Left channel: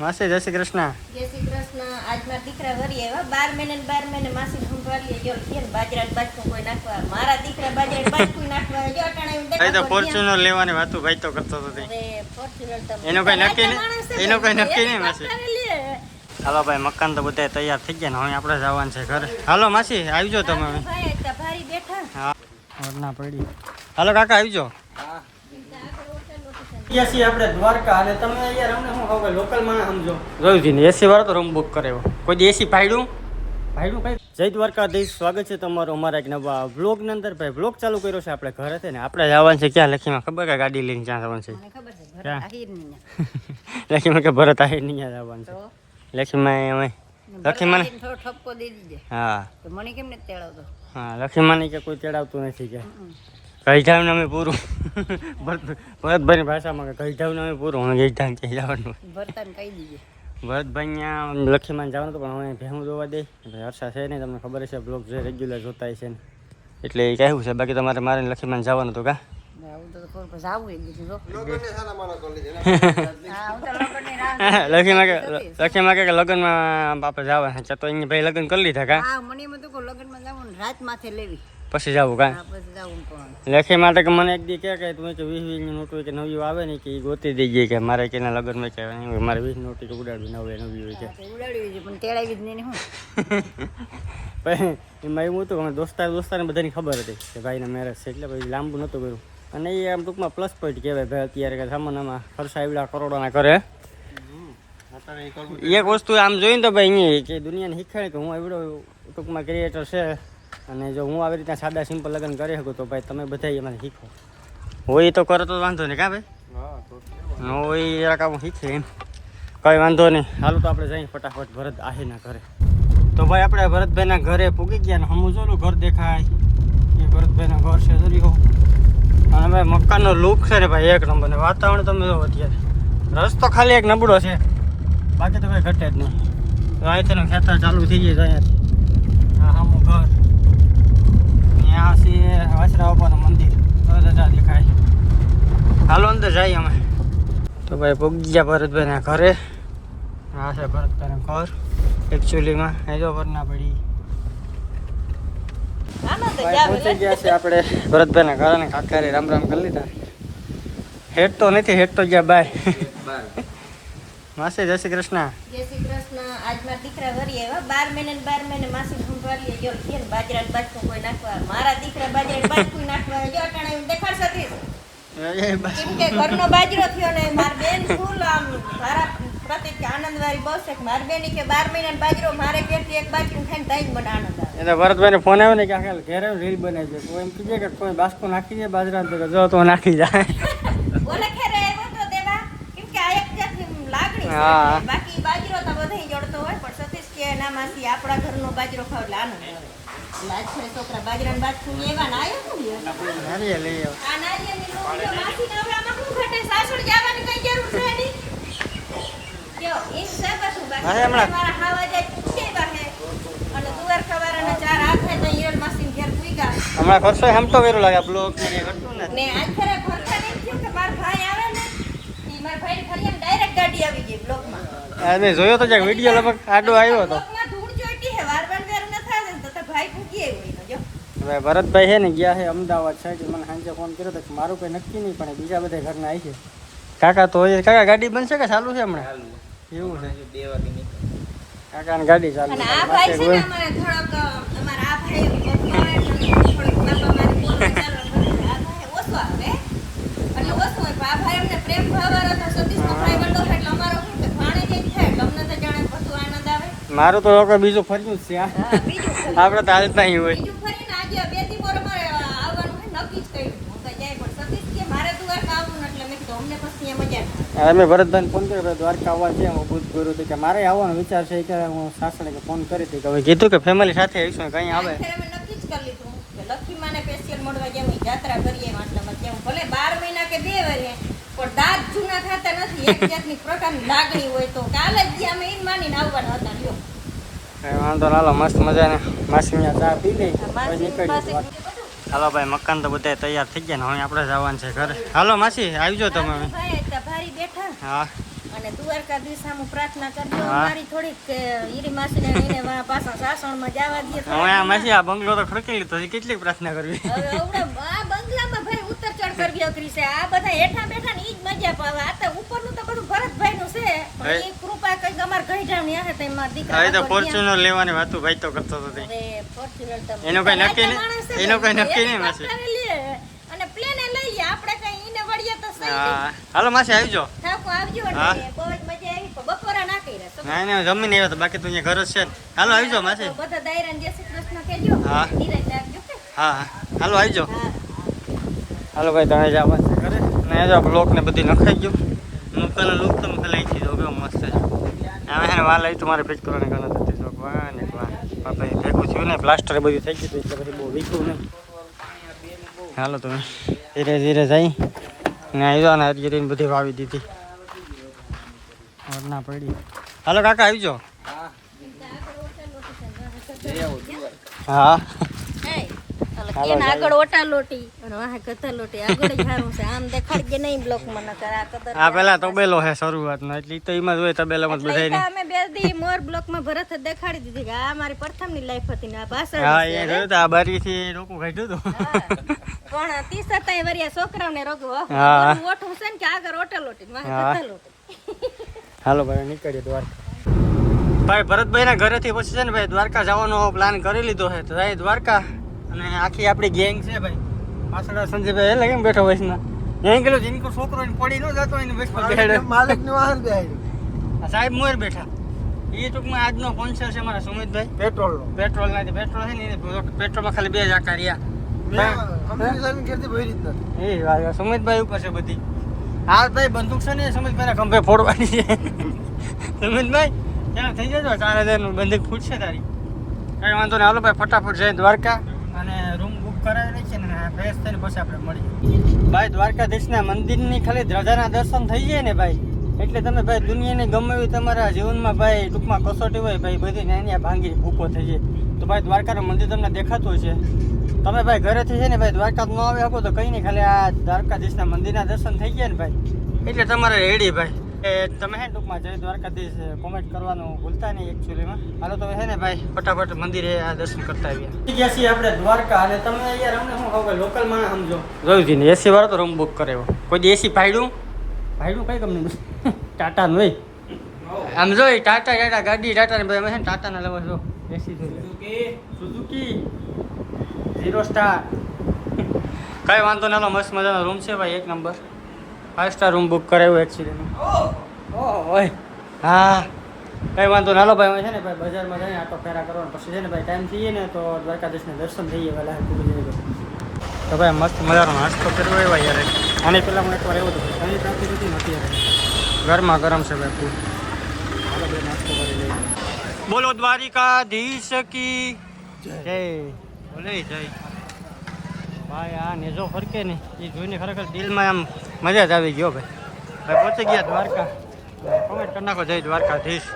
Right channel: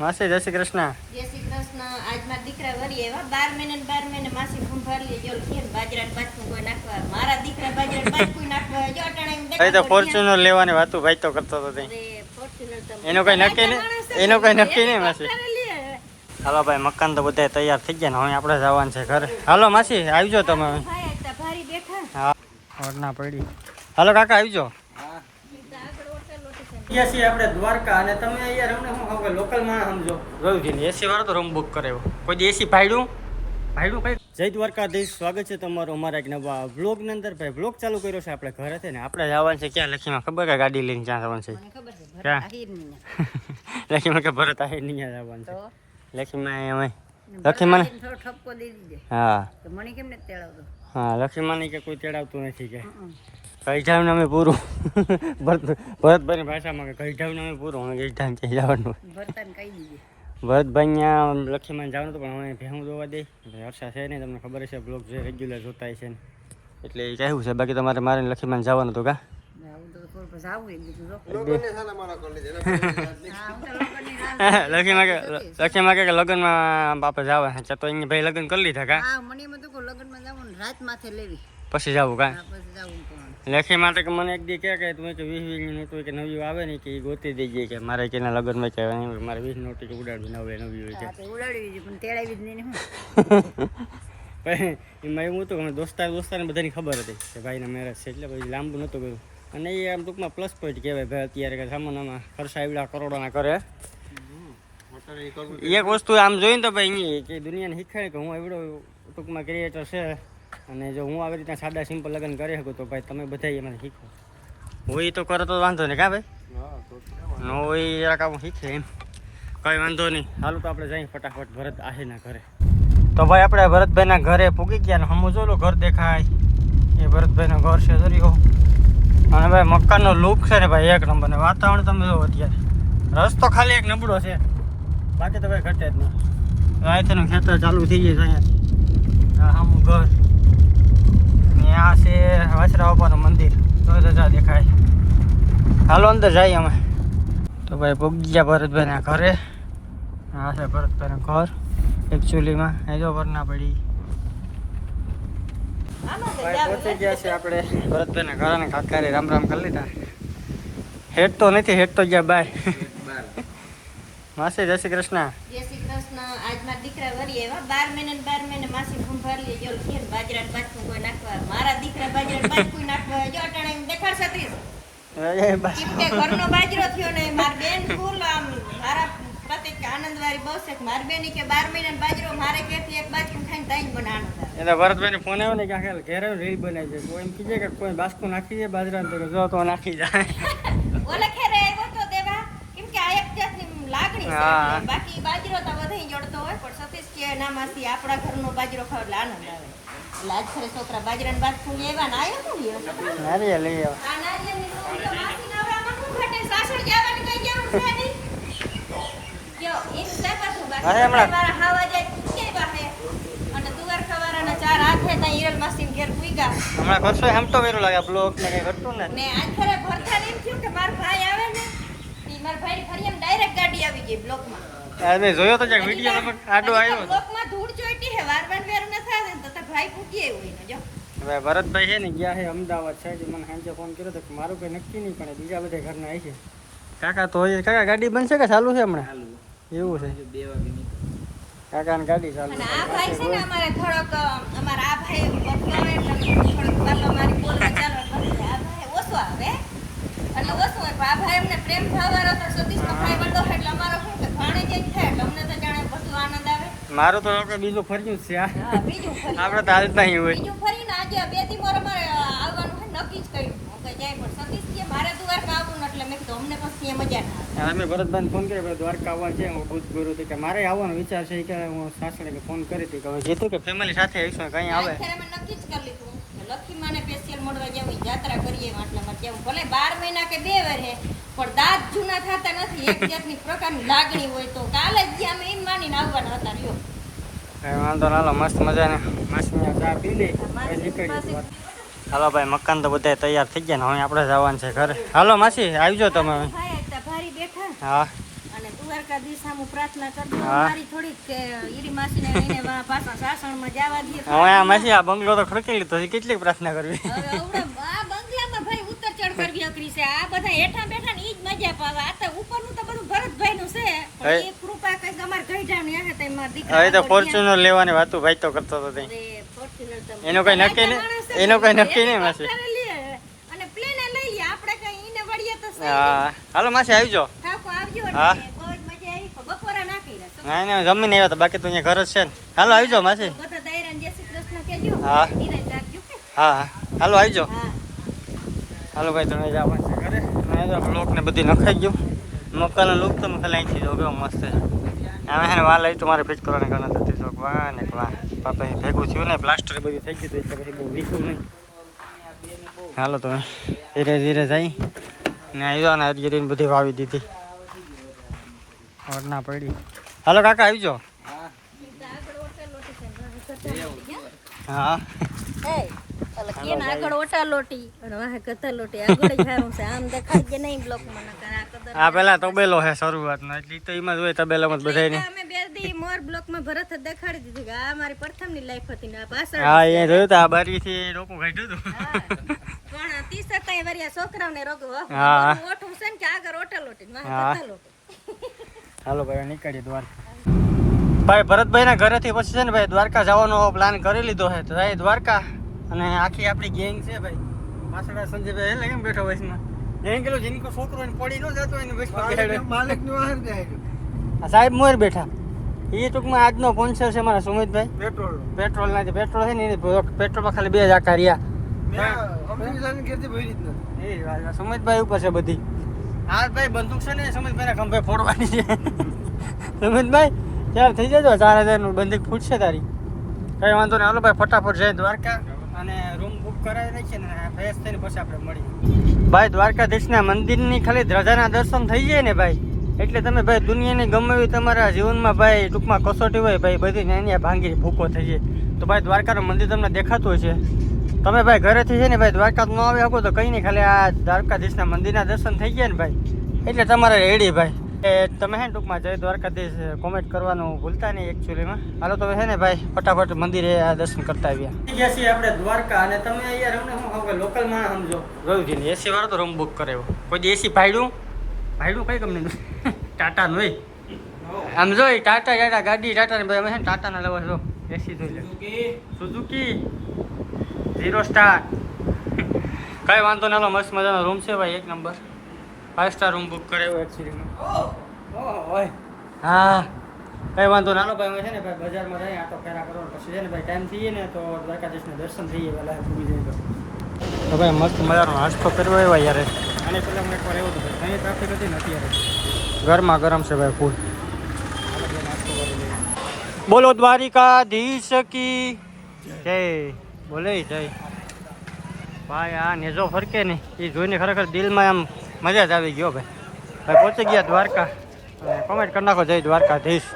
માસી જય શ્રી કૃષ્ણ. જય શ્રી કૃષ્ણ. આજ મારા દીકરા વરી આવ્યા 12 મહિને માસી સંભાળી જો કે બાજરા બાજકું કોઈ નાખવા મારા દીકરા બાજરા બાજકું નાખવા જો અટાણે હું ભાઈ તો ફોર્ચ્યુનર લેવાની વાતો ભાઈ તો કરતો હતો તે. અરે ફોર્ચ્યુનર તો એનો કઈ નક્કી નહીં, એનો કઈ નક્કી નહીં માસી. હાલો ભાઈ મકાન તો બધા તૈયાર થઈ ગયા ને હવે આપણે જવાનું છે ઘરે. હાલો માસી આવજો તમે. ભાઈ તો ભારી બેઠા હા ઓરના પડી. હાલો કાકા આવજો. એસી આપણે દ્વારકા અને તમે યાર અમને શું કહો લોકલ માં સમજો જોયું છે ને એસી વાળો તો રૂમ બુક કરાવ્યો કોઈ એસી ભાડું કઈ. જય દ્વારકાધીશ, સ્વાગત છે તમારું અમારા એક નવા વ્લોગ ની અંદર. ભાઈ વ્લોગ ચાલુ કર્યો છે આપણે ઘરે છે ને આપણે જવાનું છે ક્યાં લખીમાં ખબર કે ગાડી લઈને ક્યાં જવાનું છે? મને ખબર છે ભરત આહીર ની લખીમાં કે ભરત આહીર ની જવાનું છે. લખીમાં અમે લખીમાં થોડો ઠપકો દઈ દીધો. હા તો મને કેમ નથી તેડાવતો? હા લખીમાં કે કોઈ તેડાવતું નથી કે ગઈઢાવ ને અમે પૂરું ભરતભાઈની ભાષામાં કે ગઈઢાવ ને અમે પૂરું હું ગઈઢાવ ક્યાં જવાનું ભરતાને કહી દીધું. ભરતભાઈ ત્યાં લખીમાં જવાનું હતું પણ અમે ભેહું જોવા દઈ હર્ષા છે નહીં, તમને ખબર છે બ્લોગ જે રેગ્યુલર જોતા છે ને એટલે એ કહેવું છે. બાકી તમારે મારે લખીમાં જવાનું હતું કા લખીમાં કે લગ્નમાં બાપા જવા તો અહીંયા ભાઈ લગ્ન કરી લીધા કા રાત માથે લેવી પછી જવું કા પછી જવું પણ લેખી માટે કે મને એક દી કે તમે કે 20 નોટ હોય કે નવી આવે ને કે ગોતી દઈએ કે મારે કે લગ્નમાં કે મારે 20 નોટ ઉડાડવી નવી હોય કે ઉડાડવી છે પણ તેડાવી જ નહીં. પછી એમાં એવું હતું અમે દોસ્તારને બધાની ખબર હતી કે ભાઈને મેરેજ છે એટલે પછી લાંબુ નહોતું કર્યું. અને એ આમ ટૂંકમાં પ્લસ પોઈન્ટ કહેવાય ભાઈ અત્યારે કે સામાનમાં ખર્ચા એવડા કરોડોના કરે. એક વસ્તુ આમ જોઈને તો ભાઈ અહીંયા કે દુનિયાને શીખાય કે હું એવડો ટૂંકમાં ક્રિએટર છે અને જો હું આવી રીતના સાદા સિમ્પલ લગ્ન કરી શકું તો ભાઈ તમે બધા એમાં શીખો. હોય તો કરો તો વાંધો નહીં કાં ભાઈ? નો હોય કામ શીખે એમ કંઈ વાંધો નહીં. હાલો તો આપણે જઈએ ફટાફટ ભરત આહીરના ઘરે. તો ભાઈ આપણે ભરતભાઈના ઘરે પૂગી ગયા ને હમું જો ઘર દેખાય એ ભરતભાઈના ઘર છે જરીઓ. અને ભાઈ મકાનનો લુક છે ને ભાઈ એક નંબર ને વાતાવરણ તમે જો અત્યારે રસ્તો ખાલી એક નબળો છે બાકી તો ભાઈ ઘટે જ નહીં. અહીંથી ખેતર ચાલુ થઈ જાય અહીંયાથી હા હમું ઘર આ છે વાસરા બાપાનું મંદિર તો રજા દેખાય. હાલો અંદર જઈએ અમે. તો ભાઈ પૂગી ગયા ભરતભાઈના ઘરે. આ છે ભરતભાઈના ઘર એકચ્યુઅલીમાં એ જો ભરના પડી. ભાઈ પહોંચી ગયા છે આપણે ભરતભાઈના ઘર અને કાકારે રામ રામ કરી લીધા. હેડ તો નથી, હેડ તો ગયા બાય. માસી જય શ્રી કૃષ્ણ. જય શ્રી કૃષ્ણ. આજ મારા દીકરા વરી આવ્યા 12 મહિને માસી સંભાળી જો કે બાજરા બાજકું કોઈ નાખવા મારા દીકરા બાજરા બાજકું નાખવા જો અટાણે હું દેખાડશે કેમ કે ઘરનો બાજરો થયો ને માર બેન ફૂલ આમ મારા પ્રતિક આનંદવાળી બહુ છે. માર બેની કે 12 મહિના બાજરો મારે ઘેરથી એક બાજકું ખાઈને તાઈ મને આનંદ આવે. એટલે ભરતભાઈને ફોન આવ્યો ને કે આખા ઘેર રીલ બનાવી છે કોઈ એમ કીધે કે કોઈ બાસ્કો નાખી દે બાજરા તો જો તો નાખી જાય. ઓલે ખેરે આવ્યો તો દેવા કેમ કે આ એક જાતની લાગણી છે. બાકી બાજરો તો બધાય જડતો હોય પણ સતીશ કે ના માસી આપણા ઘરનો બાજરો ખાવ એટલે આનંદ આવે. એટલે આજ ખરે છોકરા બાજરાનું બાજકું લેવા ને આવ્યો કોણ નારિયેળ લઈ આવો. આ નારિયેળની લોટીઓ માસીને હવે આમાં શું ઘટે સાસણ જવાની કઈ જરૂર છે નહીં. જો એમ છે બધું બાકી મારા હાવા જાય કેવા હે અને દુવાર ખવારાના ચાર હાથ હે તઈ હિરલ માસીને ઘેર પૂગ્યા. હમણાં ખર્ચો હમતો વેરો લાગે બ્લોક ને કઈ ઘટતું ને. ને આજ ખરે ભરતા નહીં થયું કે માર ભાઈ આવે ને ઈ માર ભાઈ ફરિયામ ડાયરેક્ટ ગાડી આવી ગઈ બ્લોકમાં. અરે જોયો તો જ્યાં વિડિયો લગભગ આડો આવ્યો હતો. બ્લોકમાં ધૂળ ચોઈટી હે વારવાન વેરું ન થાય ને તો તે ભાઈ પૂગી આવ્યો એનો જો. હવે ભરતભાઈ છે ને ગયા છે અમદાવાદ સાઈડ. મને સાંજે ફોન કર્યો તો કે મારું કોઈ નક્કી નહીં પણ બીજા બધા ઘરના આવી છે. કાકા તો કાકા ગાડી બનશે કે ચાલુ છે હમણાં? એવું છે 2 વાગે નીકળ કાકાની ગાડી ચાલુ. અને આ ભાઈ છે ને અમારા થોડોક અમારા આ ભાઈ ઓછો આવે એટલે થોડોક બાપા મારી બોલવા ચાલો આ ભાઈ ઓછો આવે એટલે ઓછો હોય પણ આ ભાઈ અમને પ્રેમ ભાવવાળો તો સતીશનો ભાઈ વંડો એટલે અમારો શું કે ભાણે જે થાય એટલે અમને તો જાણે બધું આનંદ આવે. મારું તો લોકો બીજું ફર્યું જ છે હા બીજું આપણે તો હાલતા નહીં હોય. બીજું ફરીને આજે 2 દી મોર અમારે આવવાનું હોય નક્કી જ કર્યું હું કઈ જાય પણ સતીશ કે મારે દ્વારકા આવવું ને એટલે મેં કીધું અમને પછી એ મજા ના આવે. અમે ભરતભાઈને ફોન કર્યો દ્વારકા આવવાનું છે હું બુધ ગુરુ કે મારે આવવાનો વિચાર છે કે હું સાસણે કે ફોન કરી હતી તમે કીધું કે ફેમિલી સાથે આવીશું કઈ આવે. અમે નક્કી જ કરી લીધું કે લખી માને સ્પેશિયલ મળવા જેમ જાત્રા કરીએ એટલે કેમ ભલે 12 મહિના કે 2 વર્ષે પણ દાંત જૂના થતા નથી. એક જાતની પ્રકારની લાગણી હોય તો કાલે જ અમે એમ માનીને આવવાના હતા રહ્યો. વાંધો નાલો મસ્ત મજાને માસી ચા પી લઈ પછી નીકળીએ. હાલો ભાઈ મકાન તો બધા તૈયાર થઈ ગયા ને હવે આપણે જવાનું છે ઘરે. હાલો માસી આવજો તમે. ભારી બેઠા હા અને દ્વારકાધીશ સામુ પ્રાર્થના કરજો હા. મારી થોડીક કે ઈરી માસીને એને વા પાછા સાસણમાં જવા દે હવે આ માસી આ બંગલો તો ખડકી લીધો છે, કેટલી પ્રાર્થના કરવી. હવે આ બંગલામાં ભાઈ ઉતર ચડ કરવી અઘરી છે આ બધા હેઠા બેઠા ને ઈ જ મજા પાવે આ તો ઉપરનું તો બધું ભરતભાઈ નું છે પણ એ કૃપા કઈ અમાર ગઈઢા ને હે તે માર દીકરા હવે તો ફોર્ચ્યુનર લેવાની વાતું ભાઈ તો કરતો હતો તે. અરે ફોર્ચ્યુનર તમે એનું કઈ નક્કી નહીં, એનું કઈ નક્કી નહીં માસી. અને પ્લેન લઈ લે આપણે કઈ ઈને વળીએ તો સહી. હા હાલો માસી આવજો. ઠાકો આવજો હા. ને બહુ જ મજા આવી પણ બપોરે ના કર્યા ના ના જમીને આવ્યો તો બાકી તો અહીંયા ઘર જ છે ને. હાલો આવજો માસી. બધા દાયરાને જય શ્રી કૃષ્ણ કહેજો હા. નિરાંત રાખજો કે હા હા હાલો આવજો. હા હાલો ભાઈ તમે જાઓ વાત કરે ને જો બ્લોક ને બધી નખાઈ ગયું. મકાનનો લુક તમે ખાલી અહીંથી જો કેવો મસ્ત છે. આમે હે ને વાલ આવી તો મારે ફિટ કરવાને ગણત હતી જો વાહ ને વાહ પાપા એ ભેગું થયું ને પ્લાસ્ટર બધું થઈ ગયું એટલે પછી બહુ વીખું નહીં. હાલો તમે ધીરે ધીરે જઈ ને આવ્યા ને હરિયરીને બધી વાવી દીધી ના પડી. હાલો કાકા આવજો. હા હે અલે કેન આગળ ઓટા લોટી અને વાહે કથા લોટી આગળ જ હારું છે આમ દેખાડ કે નહીં બ્લોક માં નકર આ કદર આ પેલા તબેલો હે શરૂઆતનો એટલે ઈ તો એમાં જ હોય તબેલામાં જ બધાય ને. અમે બે દી મોર બ્લોક માં ભરત જ દેખાડી દીધી કે આ મારી પ્રથમ ની લાઈફ હતી ને આ પાછળ હા એ જોયું તો આ બારીથી રોકું કાઢ્યું હતું. પણ 30 વર્ષિયા છોકરાઓને રોગ હા. ઓઠું છે ને કે આગળ ઓટા લોટી ને વાહે હા. કથા લોટી હાલો ભાઈ નીકળીએ દ્વારકા. ભાઈ ભરતભાઈ ના ઘરેથી પછી છે ને ભાઈ દ્વારકા જવાનો પ્લાન કરી લીધો છે તો ભાઈ દ્વારકા અને આખી આપણી ગેંગ છે ભાઈ પાછળ સંજયભાઈ એટલે કેમ બેઠો વયસનો અહીં ગયેલો જીનકો છોકરો એને પડી ન જતો એને બસ માલિકની વાહન બેહાડ્યું. આ સાહેબ મોર બેઠા એ ટૂંકમાં આજનો સ્પોન્સર છે મારા સુમિતભાઈ પેટ્રોલનો. પેટ્રોલ ના પેટ્રોલ છે ને એને પેટ્રોલમાં ખાલી 2 જ આકા રહ્યા. અમરીસાની ખેતી ભરી જ નથી. એ વાત સુમિતભાઈ ઉપર છે બધી. હા ભાઈ બંદૂક છે ને સુમિતભાઈ ના ખંભે ફોડવાની છે. સુમિતભાઈ ત્યાર થઈ જજો 4000 નું બંદૂક ફૂટશે તારી. કઈ વાંધો નહીં હાલો ભાઈ ફટાફટ જઈ દ્વારકા અને રૂમ બુક કરાવી રાખીએ ને ફ્રેશ થઈને પછી આપણે મળીએ. ભાઈ દ્વારકાધીશના મંદિરની ખાલી ધજાના દર્શન થઈ જાય ને ભાઈ એટલે તમે ભાઈ દુનિયાની ગમે એવી તમારા જીવનમાં ભાઈ ટૂંકમાં કસોટી હોય ભાઈ બધી નાની ભાંગી ભૂકો થઈ જાય. તો ભાઈ દ્વારકાનું મંદિર તમને દેખાતું હોય છે. તમે ભાઈ ઘરેથી છે ને ભાઈ દ્વારકા ન આવી શકો તો કંઈ નહીં ખાલી આ દ્વારકાધીશના મંદિરના દર્શન થઈ ગયા ને ભાઈ એટલે તમારે રેડી ભાઈ. એ તમે હે ને ટૂંકમાં જય દ્વારકાધીશ કોમેન્ટ કરવાનું ભૂલતા નહીં એકચ્યુઅલીમાં. હાલો તમે છે ને ભાઈ ફટાફટ મંદિરે આ દર્શન કરતા આવ્યા. ગયા છીએ આપણે દ્વારકા અને તમે અહીંયા અમને શું કહું કે લોકલ માં સમજો જોયું છે ને એસી વાળો તો રૂમ બુક કરાવ્યો. કોઈ એસી ભાડું કઈ કંપનીનું ટાટાનું હોય આમ જોઈ ટાટા ગાડી ટાટા ને ભાઈ અમે છે ને ટાટાના લેવા જો એસી જોઈ લે સુઝુકી 0 સ્ટાર કઈ વાંધો ના મસ્ત મજાનો રૂમ છે ભાઈ એક નંબર 5 સ્ટાર રૂમ બુક કરાવ્યો એકચ્યુઅલી. હા કઈ વાંધો ના ભાઈ અમે છે ને ભાઈ બજારમાં જઈએ આટો ફેરા કરવાનો પછી છે ને ભાઈ ટાઈમ થઈએ ને તો દ્વારકાધીશને દર્શન થઈ જાય વહેલા પૂરી જઈએ તો ભાઈ મસ્ત મજાનો નાસ્તો કરવો એવા યાર આની પહેલાં હું એકવાર આવ્યો હતો ભાઈ ઘણી ટ્રાફિક હતી નથી યાર ગરમા ગરમ છે ભાઈ ફૂડ. હાલો ભાઈ નાસ્તો કરી લઈએ. બોલો દ્વારિકાધીશ કી જય. બોલે જય ભાઈ. આ નેજો ફરકે ને એ જોઈને ખરેખર દિલમાં આમ મજા જ આવી ગયો ભાઈ. ભાઈ પહોંચી ગયા દ્વારકા. કોમેન્ટ કરી નાખો જય દ્વારકાધીશ.